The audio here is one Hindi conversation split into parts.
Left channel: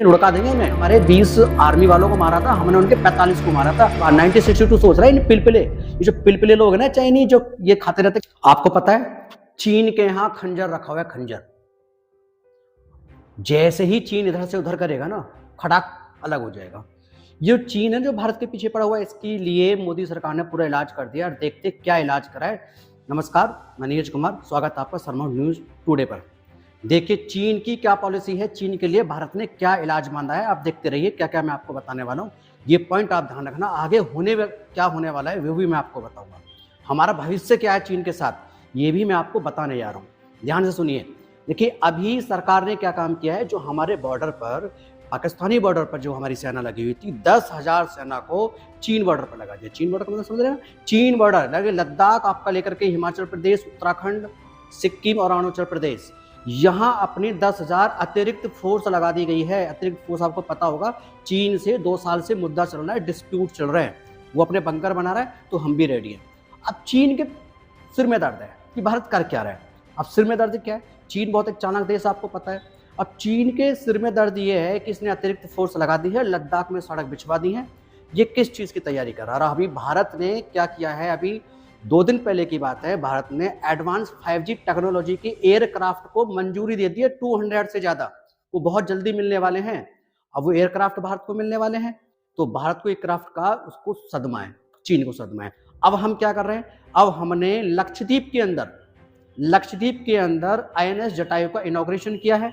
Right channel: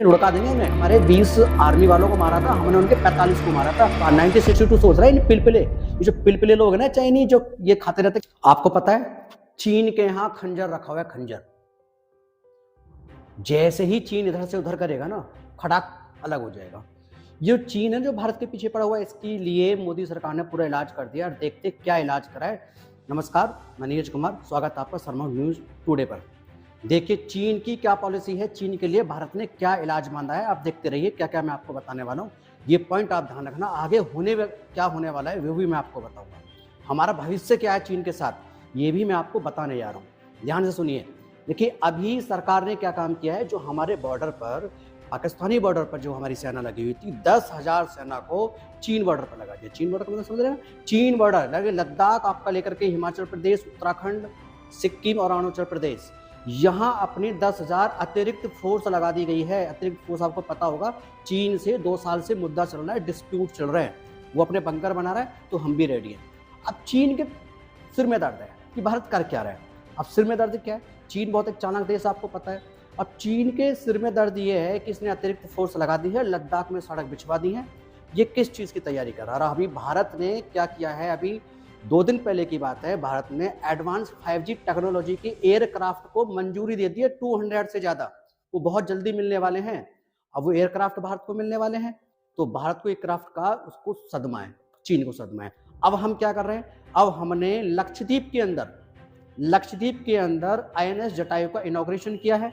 लुढ़का देंगे उन्हें। हमारे 20 आर्मी वालों को मारा था, हमने उनके 45 को मारा था। 1962 सोच रहा है इन पिलपिले, ये जो पिलपिले लोग हैं ना चाइनीज, जो ये खाते रहते। आपको पता है चीन के यहाँ खंजर रखा हुआ है, खंजर। जैसे ही चीन इधर से उधर करेगा ना, खड़ाक अलग हो जाएगा। ये चीन है जो भारत के पीछे पड़ा हुआ है, इसके लिए मोदी सरकार ने पूरा इलाज कर दिया और देखते क्या इलाज कराए। नमस्कार, मैं नीरज कुमार, स्वागत है आपका शर्मा न्यूज टुडे पर। देखिए चीन की क्या पॉलिसी है, चीन के लिए भारत ने क्या इलाज मांगा है, आप देखते रहिए क्या क्या मैं आपको बताने वाला हूँ। ये पॉइंट आप ध्यान रखना, आगे क्या होने वाला है वो भी मैं आपको बताऊंगा। हमारा भविष्य क्या है चीन के साथ, ये भी मैं आपको बताने जा रहा हूँ। ध्यान से सुनिए। देखिए अभी सरकार ने क्या काम किया है, जो हमारे बॉर्डर पर, पाकिस्तानी बॉर्डर पर जो हमारी सेना लगी हुई थी, 10,000 सेना को चीन बॉर्डर पर लगा दिया। चीन बॉर्डर का मतलब समझ रहे हैं, चीन बॉर्डर लगे लद्दाख आपका लेकर के हिमाचल प्रदेश, उत्तराखंड, सिक्किम और अरुणाचल प्रदेश, यहाँ अपनी 10,000 अतिरिक्त फोर्स लगा दी गई है। अतिरिक्त फोर्स आपको पता होगा, चीन से 2 साल से मुद्दा चल रहा है, डिस्प्यूट चल रहे हैं, वो अपने बंकर बना रहा है, तो हम भी रेडी हैं। अब चीन के सिर में दर्द है कि भारत कर क्या रहा है। अब सिर में दर्द क्या है, चीन बहुत एक चालाक देश आपको पता है। अब चीन के सिर में दर्द ये है कि इसने अतिरिक्त फोर्स लगा दी है, लद्दाख में सड़क बिछवा दी है। ये किस चीज़ की तैयारी कर रहा है। अभी भारत ने क्या किया है, अभी 2 दिन पहले की बात है, भारत ने एडवांस 5G टेक्नोलॉजी की एयरक्राफ्ट को मंजूरी दे दी है, 200 से ज़्यादा। वो बहुत जल्दी मिलने वाले हैं। अब वो एयरक्राफ्ट भारत को मिलने वाले हैं, तो भारत को एयरक्राफ्ट का उसको सदमा है, चीन को सदमा है। अब हम क्या कर रहे हैं, अब हमने लक्षद्वीप के अंदर INS जटायु का इनॉग्रेशन किया है।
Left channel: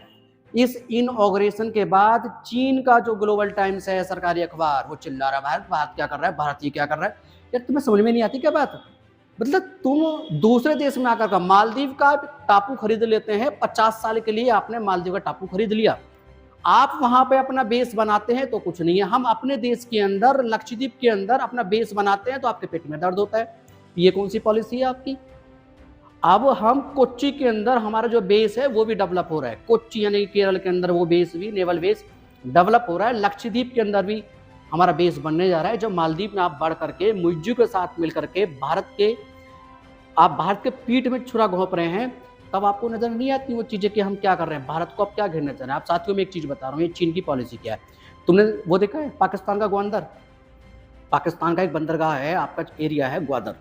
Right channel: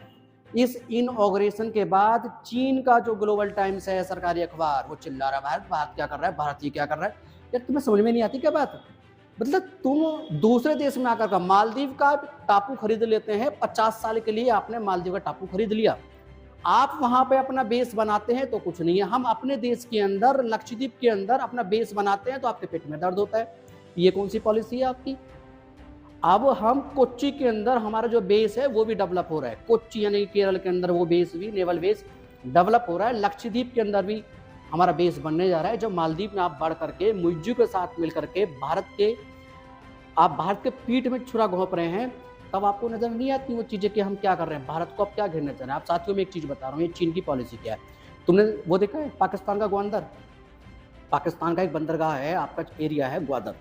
इस इनॉग्रेशन के बाद चीन का जो ग्लोबल टाइम्स है, सरकारी अखबार, वो चिल्ला रहा है भारत क्या कर रहा है, भारत ये क्या कर रहा है। यार तुम्हें समझ में नहीं आती क्या बात। मतलब तुम दूसरे देश में आकर का मालदीव का टापू खरीद लेते हैं, 50 साल के लिए आपने मालदीव का टापू खरीद लिया, आप वहां पे अपना बेस बनाते हैं तो कुछ नहीं है। हम अपने देश के अंदर, लक्षद्वीप के अंदर अपना बेस बनाते हैं तो आपके पेट में दर्द होता है। ये कौन सी पॉलिसी है आपकी। अब हम कोच्चि के अंदर हमारा जो बेस है वो भी डेवलप हो रहा है, कोच्चि यानी केरल के अंदर वो बेस भी, नेवल बेस डेवलप हो रहा है। लक्षद्वीप के अंदर भी हमारा बेस बनने जा रहा है। जब मालदीव में आप बढ़ करके मुइज्जू के साथ मिलकर के आप भारत के पीठ में छुरा घोंप रहे हैं, तब आपको नजर नहीं आती वो चीजें कि हम क्या कर रहे हैं, भारत को आप क्या घेरना चाह रहे हैं। आप साथियों में एक चीज बता रहा हूँ, ये चीन की पॉलिसी क्या है। तुमने वो देखा है पाकिस्तान का ग्वादर, पाकिस्तान का एक बंदरगाह है, आपका एरिया है ग्वादर,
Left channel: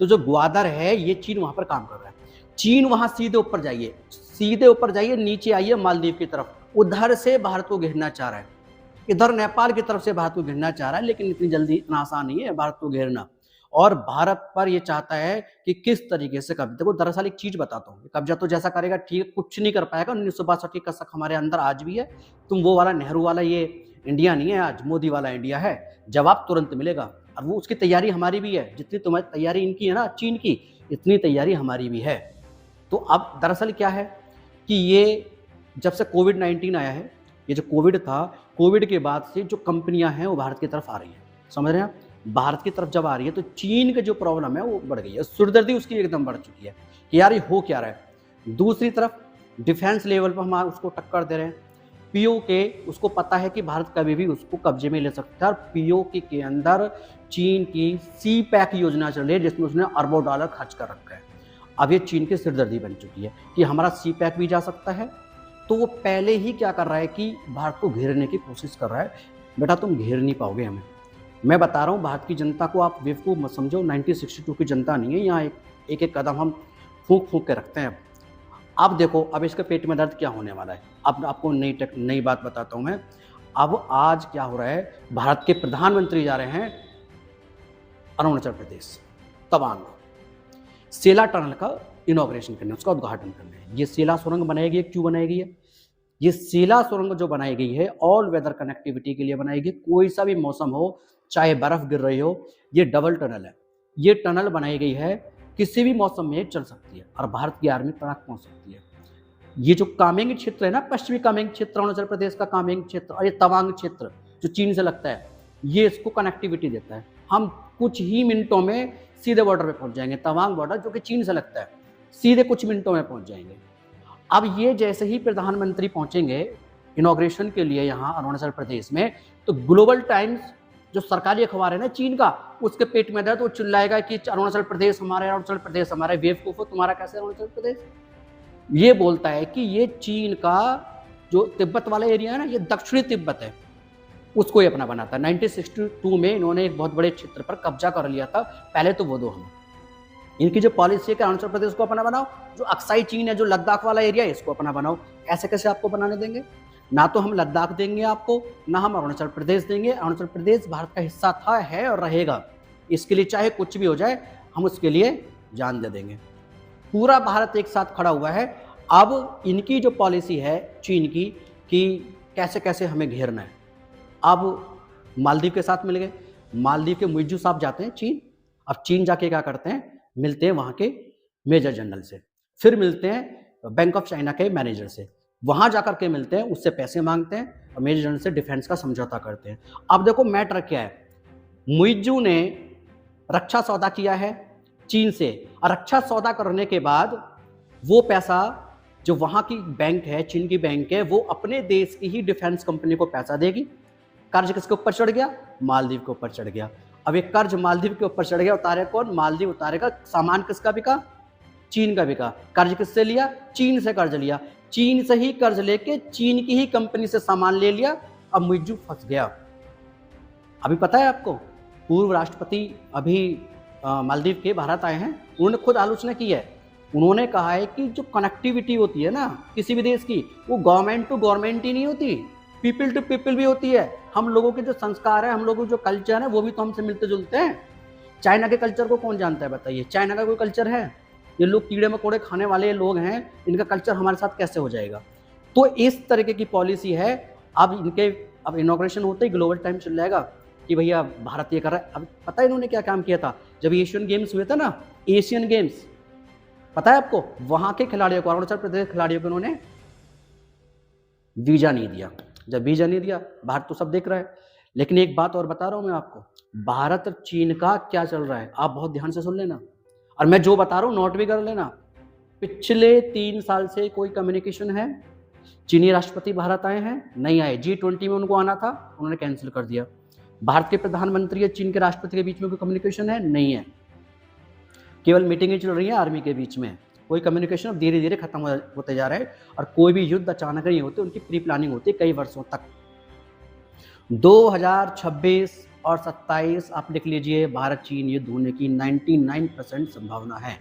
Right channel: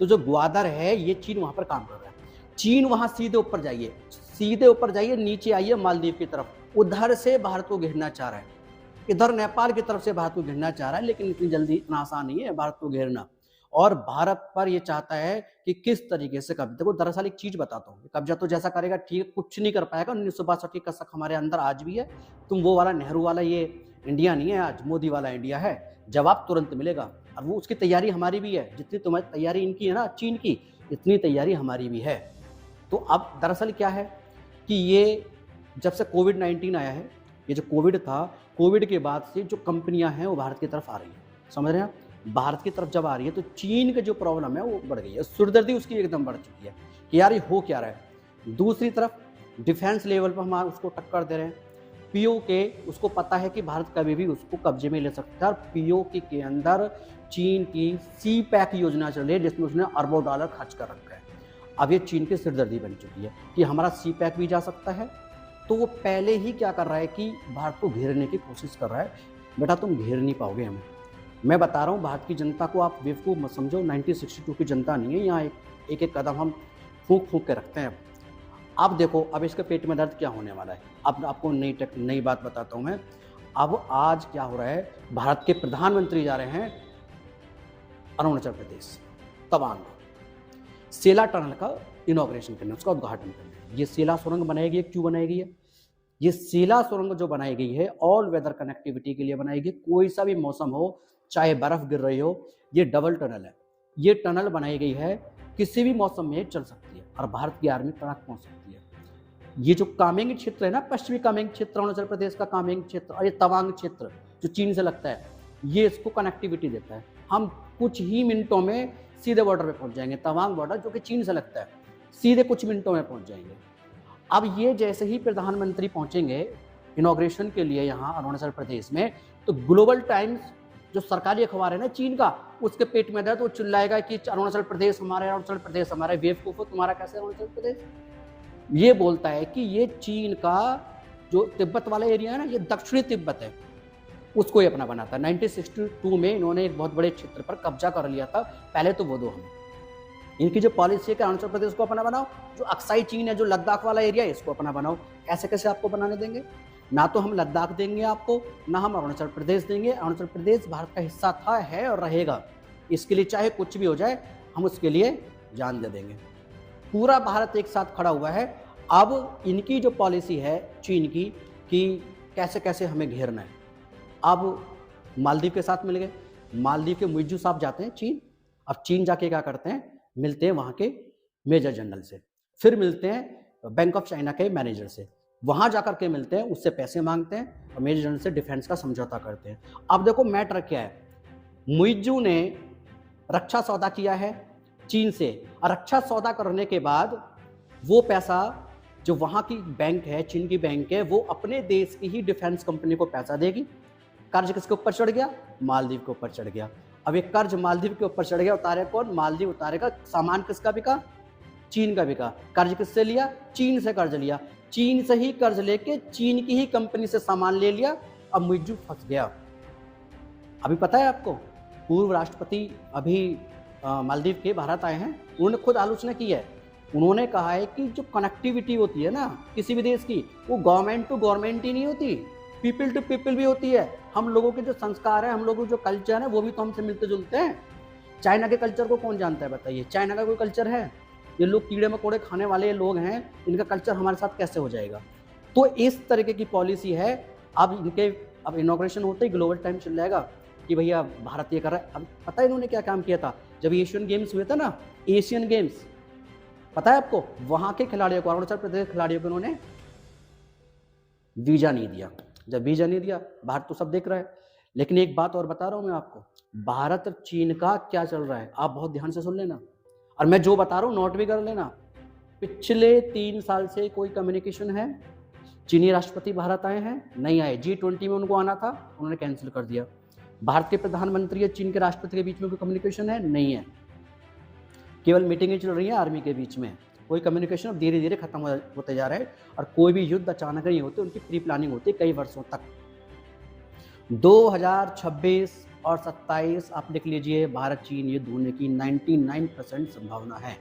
तो जो ग्वादर है ये चीन वहां पर काम कर रहा है। चीन वहां सीधे ऊपर जाइए, नीचे आइए मालदीव की तरफ, उधर से भारत को घेरना चाह रहा है। इधर नेपाल की तरफ से भारत को घेरना चाह रहा है, लेकिन इतनी जल्दी इतना आसान नहीं है भारत को घेरना। और भारत पर ये चाहता है कि किस तरीके से कब्जा। देखो दरअसल एक चीज बताता हूँ, कब्जा तो जैसा करेगा ठीक, कुछ नहीं कर पाएगा। 1962 का शक हमारे अंदर आज भी है। तुम वो वाला नेहरू वाला ये इंडिया नहीं है, आज मोदी वाला इंडिया है। जवाब तुरंत मिलेगा। अब वो उसकी तैयारी हमारी भी है, जितनी तुम्हारी तैयारी इनकी है ना चीन की, इतनी तैयारी हमारी भी है। तो अब दरअसल क्या है कि ये जब से कोविड-19 आया है, ये जो कोविड था, कोविड के बाद से जो कंपनियां हैं वो भारत की तरफ आ रही है, समझ रहे हैं आप। भारत की तरफ जब आ रही है तो चीन की जो प्रॉब्लम है वो बढ़ गई है, सुरदर्दी उसकी एकदम बढ़ चुकी है कि यार ये हो क्या रहा है। दूसरी तरफ डिफेंस लेवल पर हम उसको टक्कर दे रहे हैं। पीओके उसको पता है कि भारत कभी भी उसको कब्जे में ले सकता है, और पीओके के अंदर चीन की सी पैक योजना चल रही है, जिसमें उसने अरबों डॉलर खर्च कर रखा है। अब ये चीन की सिरदर्दी बन चुकी है कि हमारा सी पैक भी जा सकता है, तो वो पहले ही क्या कर रहा है कि भारत को घेरने की कोशिश कर रहा है। बेटा तुम घेर नहीं पाओगे हमें, मैं बता रहा हूँ। भारत की जनता को आप बेवकूफ़ मत समझो, 1962 की जनता नहीं है। यहाँ एक कदम हम फूंक फूंक के रखते हैं। अब देखो, अब इसके पेट में दर्द क्या होने वाला है। अब आपको नई बात बताता हूँ मैं। अब आज क्या हो रहा है, भारत के प्रधानमंत्री जा रहे हैं अरुणाचल प्रदेश, तवांग, सेला टनल का इनॉग्रेशन करने, उसका उद्घाटन करने। ये सेला सुरंग बनाएगी, क्यों बनाएगी ये सेला सुरंग जो बनाई गई है ऑल वेदर कनेक्टिविटी के लिए बनाई गई। कोई सा भी मौसम हो, चाहे बर्फ गिर रही हो, ये डबल टनल है। ये टनल बनाई गई है, किसी भी मौसम में चल सकती है और भारत की आर्मी तक पहुंच सकती है। ये जो कामेंग क्षेत्र है ना, पश्चिमी कामेंग क्षेत्र, अरुणाचल प्रदेश का कामेंग क्षेत्र, और ये तवांग क्षेत्र जो चीन से लगता है, ये इसको कनेक्टिविटी देता है। हम कुछ ही मिनटों में सीधे बॉर्डर पे पहुंच जाएंगे। तवांग बॉर्डर जो कि चीन से लगता है, सीधे कुछ मिनटों में पहुंच जाएंगे। अब ये जैसे ही प्रधानमंत्री पहुंचेंगे इनॉग्रेशन के लिए यहाँ अरुणाचल प्रदेश में, तो ग्लोबल टाइम्स जो सरकारी अखबार है ना चीन का, उसके पेट में दर्द, वो चिल्लाएगा कि अरुणाचल प्रदेश हमारा है, अरुणाचल प्रदेश हमारा है। बेवकूफो, तुम्हारा कैसे अरुणाचल प्रदेश। ये बोलता है कि ये चीन का जो तिब्बत वाला एरिया है ना, ये दक्षिणी तिब्बत है, उसको ये अपना बना था। 1962 में इन्होंने एक बहुत बड़े क्षेत्र पर कब्जा कर लिया था। पहले तो वो दो हमें, इनकी जो पॉलिसी है कि अरुणाचल प्रदेश को अपना बनाओ, जो अक्साई चीन है, जो लद्दाख वाला एरिया है, इसको अपना बनाओ। ऐसे कैसे आपको बनाने देंगे? ना तो हम लद्दाख देंगे आपको, ना हम अरुणाचल प्रदेश देंगे। अरुणाचल प्रदेश भारत का हिस्सा था, है और रहेगा। इसके लिए चाहे कुछ भी हो जाए, हम उसके लिए जान दे देंगे। पूरा भारत एक साथ खड़ा हुआ है। अब इनकी जो पॉलिसी है चीन की कि कैसे कैसे हमें घेरना है। अब मालदीव के साथ मिल गए, मालदीव के मुइज्जू साहब जाते हैं चीन। अब चीन जाके क्या करते हैं, मिलते हैं वहाँ के मेजर जनरल से, फिर मिलते हैं बैंक ऑफ चाइना के मैनेजर से, वहाँ जाकर के मिलते हैं, उससे पैसे मांगते हैं और मेजर जनरल से डिफेंस का समझौता करते हैं। अब देखो मैटर क्या है, मुइज्जू ने रक्षा सौदा किया है चीन से, और रक्षा सौदा करने के बाद वो पैसा जो वहाँ की बैंक है, चीन की बैंक है, वो अपने देश की ही डिफेंस कंपनी को पैसा देगी। कर्ज किसके ऊपर चढ़ गया? मालदीव के ऊपर चढ़ गया। अब एक कर्ज मालदीव के ऊपर चढ़ गया, उतारे कौन? मालदीव उतारेगा। सामान किसका बिका? चीन का बिका। कर्ज किससे लिया? चीन से कर्ज लिया। चीन से ही कर्ज लेके चीन की ही कंपनी से सामान ले लिया। अब मुइज्जू फंस गया। अभी पता है आपको, पूर्व राष्ट्रपति अभी मालदीव के भारत आए हैं, उन्होंने खुद आलोचना की है। उन्होंने कहा है कि जो कनेक्टिविटी होती है ना किसी भी देश की, वो गवर्नमेंट टू गवर्नमेंट ही नहीं होती, पीपल टू पीपल भी होती है। हम लोगों के जो संस्कार है, हम लोगों के जो कल्चर है, वो भी तो हमसे मिलते जुलते हैं। चाइना के कल्चर को कौन जानता है बताइए? चाइना का कोई कल्चर है? ये लोग कीड़े मकोड़े खाने वाले लोग हैं, इनका कल्चर हमारे साथ कैसे हो जाएगा? तो इस तरीके की पॉलिसी है। अब इनॉग्रेशन होते ही ग्लोबल टाइम चल जाएगा कि भैया भारत ये कर रहा है। अब पता है इन्होंने क्या काम किया था? जब एशियन गेम्स हुए थे ना, एशियन गेम्स, पता है आपको, वहां के खिलाड़ियों को, अरुणाचल प्रदेश के खिलाड़ियों को उन्होंने वीजा नहीं दिया। जब वीजा नहीं दिया, भारत तो सब देख रहा है। लेकिन एक बात और बता रहा हूं मैं आपको, भारत और चीन का क्या चल रहा है, आप बहुत ध्यान से सुन लेना, और मैं जो बता रहा हूं नोट भी कर लेना। पिछले 3 साल से कोई कम्युनिकेशन है? चीनी राष्ट्रपति भारत आए हैं? नहीं आए। G20 में उनको आना था, उन्होंने कैंसिल कर दिया। भारत के प्रधानमंत्री और चीन के राष्ट्रपति के बीच में कोई कम्युनिकेशन है? नहीं है। केवल मीटिंगें चल रही हैं आर्मी के बीच में, कोई कम्युनिकेशन अब धीरे धीरे खत्म होते जा रहे हैं। और कोई भी युद्ध अचानक नहीं होते, उनकी प्री प्लानिंग होती है कई वर्षों तक। 2026 और 27 आप लिख लीजिए, भारत चीन युद्ध होने की 99% संभावना है।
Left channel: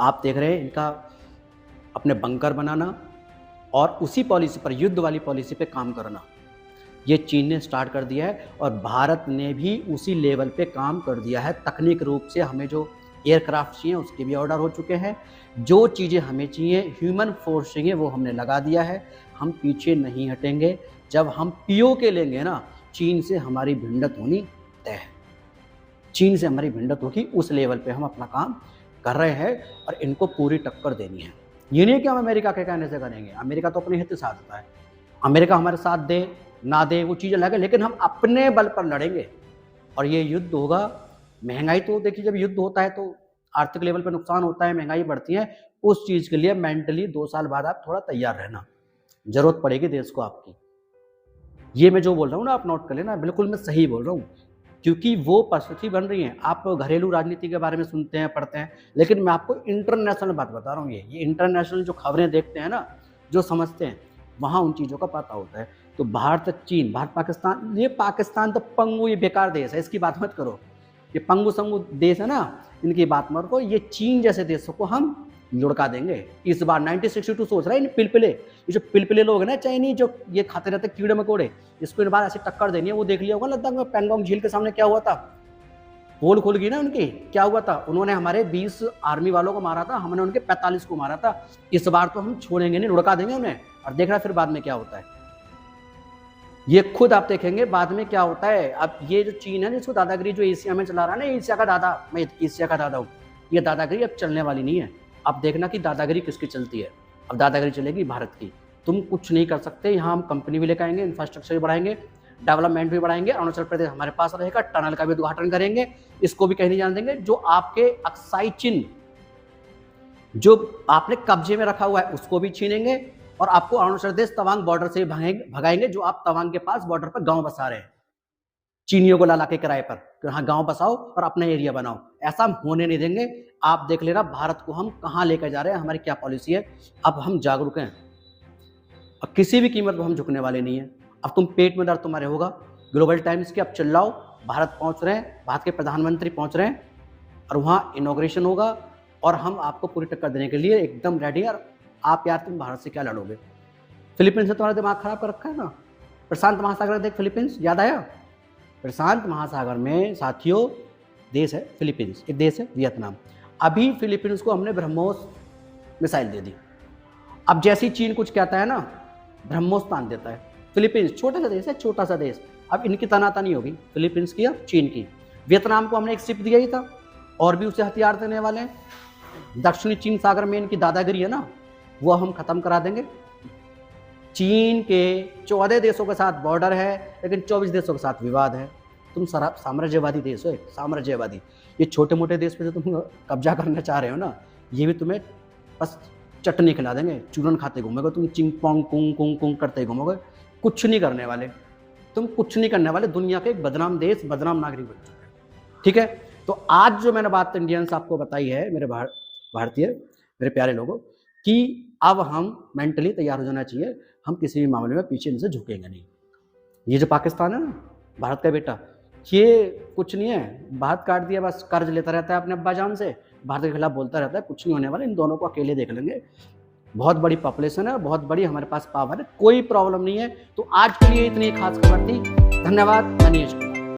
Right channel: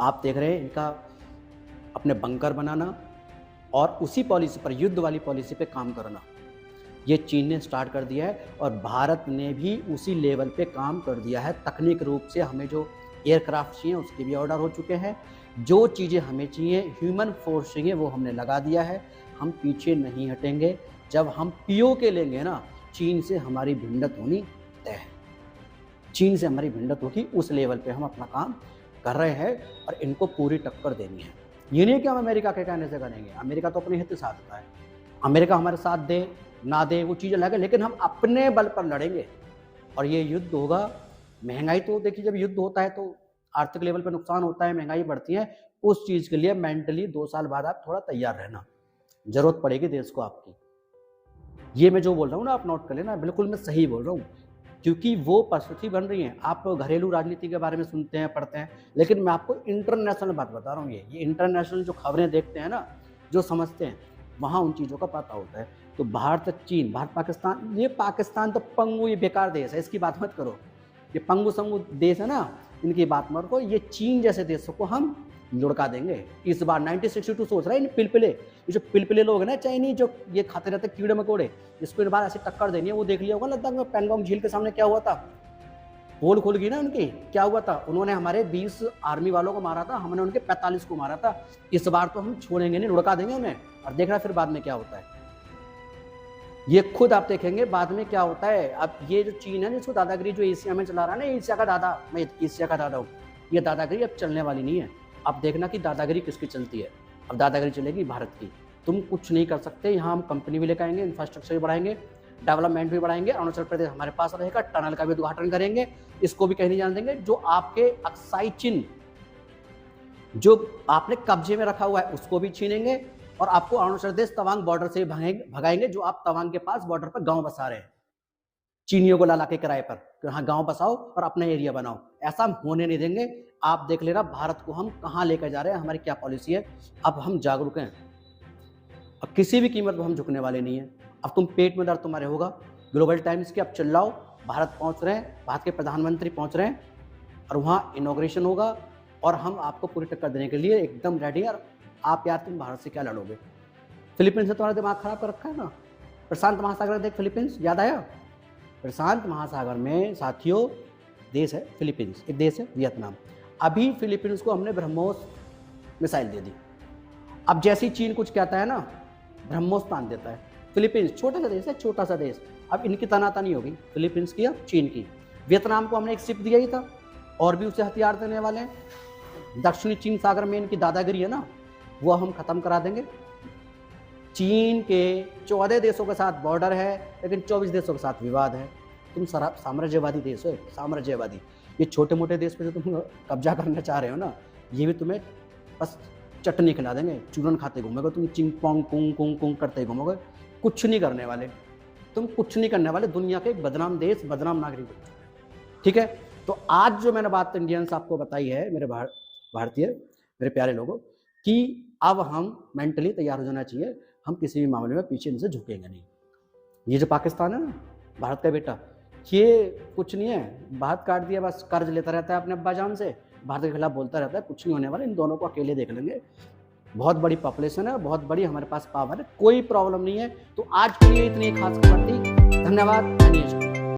आप देख रहे हैं इनका अपने बंकर बनाना और उसी पॉलिसी पर, युद्ध वाली पॉलिसी पे काम करना, ये चीन ने स्टार्ट कर दिया है। और भारत ने भी उसी लेवल पे काम कर दिया है। तकनीक रूप से हमें जो एयरक्राफ्ट चाहिए उसके भी ऑर्डर हो चुके हैं। जो चीज़ें हमें चाहिए, ह्यूमन फोर्स चाहिए, वो हमने लगा दिया है। हम पीछे नहीं हटेंगे। जब हम POK लेंगे ना, चीन से हमारी भिड़ंत होनी तय है। चीन से हमारी भिड़ंत होगी, उस लेवल पे हम अपना काम कर रहे हैं और इनको पूरी टक्कर देनी है। ये नहीं कि हम अमेरिका के कहने से करेंगे, अमेरिका तो अपने हित साधता है। अमेरिका हमारे साथ दे ना दे वो चीज़ अलग है, लेकिन हम अपने बल पर लड़ेंगे और ये युद्ध होगा। महंगाई तो देखिए, जब युद्ध होता है तो आर्थिक लेवल पे नुकसान होता है, महंगाई बढ़ती है। उस चीज़ के लिए मेंटली 2 साल बाद आप थोड़ा तैयार रहना, जरूरत पड़ेगी देश को आपकी। ये मैं जो बोल रहा हूँ ना, आप नोट कर लेना, बिल्कुल मैं सही बोल रहा हूँ, क्योंकि वो परिस्थिति बन रही है। आप घरेलू राजनीति के बारे में सुनते हैं, पढ़ते हैं, लेकिन मैं आपको इंटरनेशनल बात बता रहा हूँ। ये इंटरनेशनल जो खबरें देखते हैं ना, जो समझते हैं, वहाँ उन चीज़ों का पता होता है। तो भारत चीन, भारत पाकिस्तान, ये पाकिस्तान तो पंगु, ये बेकार देश है, इसकी बात मत करो। ये पंगु संगु देश है ना, इनकी बात मत करो। ये चीन जैसे देशों को हम लुढ़का देंगे इस बार। 1962 सोच रहा है इन पिलपिले, ये जो पिलपिले लोग हैं ना चाइनीज, जो ये खाते रहते कीड़े मकोड़े, इसको इन बार ऐसी टक्कर देनी है। वो देख लिया होगा लद्दाख में, पैंगोंग झील के सामने क्या हुआ था, पोल खुल गई ना उनकी। क्या हुआ था, उन्होंने हमारे 20 आर्मी वालों को मारा था, हमने उनके 45 को मारा था। इस बार तो हम छोड़ेंगे नहीं, लुढ़का देंगे उन्हें, और देखना फिर बाद में क्या होता है। ये खुद आप देखेंगे बाद में क्या होता है। अब ये जो चीन है ना, इसको दादागिरी जो एशिया में चला रहा है ना, एशिया का दादा, मैं एशिया का दादा हूँ, ये दादागिरी अब चलने वाली नहीं है। अब देखना कि दादागिरी किसकी चलती है। अब दादागिरी चलेगी भारत की। तुम कुछ नहीं कर सकते। यहाँ हम कंपनी भी लेकर आएंगे, इंफ्रास्ट्रक्चर भी बढ़ाएंगे, डेवलपमेंट भी बढ़ाएंगे। अरुणाचल प्रदेश हमारे पास रहेगा, टनल का भी उद्घाटन करेंगे, इसको भी कहीं नहीं जाने देंगे। जो आपके अक्साई चीन जो आपने कब्जे में रखा हुआ है उसको भी छीनेंगे, और आपको अरुणाचल प्रदेश तवांग बॉर्डर से भगाएंगे, जो आप तवांग के पास बॉर्डर पर गांव बसा रहे हैं चीनियों को ला के किराए पर, तो यहाँ गांव बसाओ और अपना एरिया बनाओ। ऐसा हम होने नहीं देंगे। आप देख लेना भारत को हम कहाँ लेकर जा रहे हैं, हमारी क्या पॉलिसी है। अब हम जागरूक हैं। और किसी भी कीमत पर हम झुकने वाले नहीं है। अब तुम पेट में दर्द तुम्हारे होगा, ग्लोबल टाइम्स के अब चिल्लाओ, भारत पहुंच रहे हैं, भारत के प्रधानमंत्री पहुंच रहे हैं और वहाँ इनॉग्रेशन होगा और हम आपको पूरी टक्कर देने के लिए एकदम रेडी है। और आप यार तुम भारत से क्या लड़ोगे? फिलीपींस से तुम्हारा दिमाग खराब कर रखा है ना। प्रशांत महासागर देख, फिलीपींस याद आया? प्रशांत महासागर में साथियों देश है फिलीपींस, एक देश है वियतनाम। अभी फिलीपींस को हमने ब्रह्मोस मिसाइल दे दी। अब जैसी चीन कुछ कहता है ना, ब्रह्मोस तान देता है। फिलीपींस छोटा सा देश है, छोटा सा देश। अब इनकी तनातनी होगी, फिलीपींस की या चीन की। वियतनाम को हमने एक शिप दिया ही था और भी उसे हथियार देने वाले हैं। दक्षिणी चीन सागर में इनकी दादागिरी है ना, वो हम खत्म करा देंगे। चीन के 14 देशों के साथ बॉर्डर है, लेकिन 24 देशों के साथ विवाद है। तुम साम्राज्यवादी देश हो, साम्राज्यवादी। ये छोटे मोटे देश पे जो तुम कब्जा करना चाह रहे हो ना, ये भी तुम्हें बस चटनी खिला देंगे, चूरन खाते घूमोगे तुम, चिंग पोंग कुंग कुंग कुंग करते घूमोगे, कुछ नहीं करने वाले। तुम कुछ नहीं करने वाले, दुनिया के एक बदनाम देश, बदनाम नागरिक बन चुके। ठीक है, तो आज जो मैंने बात इंडियंस आपको बताई है, मेरे भारतीय मेरे प्यारे लोगों, कि अब हम मेंटली तैयार हो जाना चाहिए। हम किसी भी मामले में पीछे इनसे झुकेंगे नहीं। ये जो पाकिस्तान है ना, भारत का बेटा, ये कुछ नहीं है, बात काट दिया, बस कर्ज लेता रहता है अपने अब्बा जान से, भारत के खिलाफ बोलता रहता है। कुछ नहीं होने वाला, इन दोनों को अकेले देख लेंगे। बहुत बड़ी पॉपुलेशन है, बहुत बड़ी हमारे पास पावर है, कोई प्रॉब्लम नहीं है। तो आज के लिए इतनी खास खबर थी। धन्यवाद।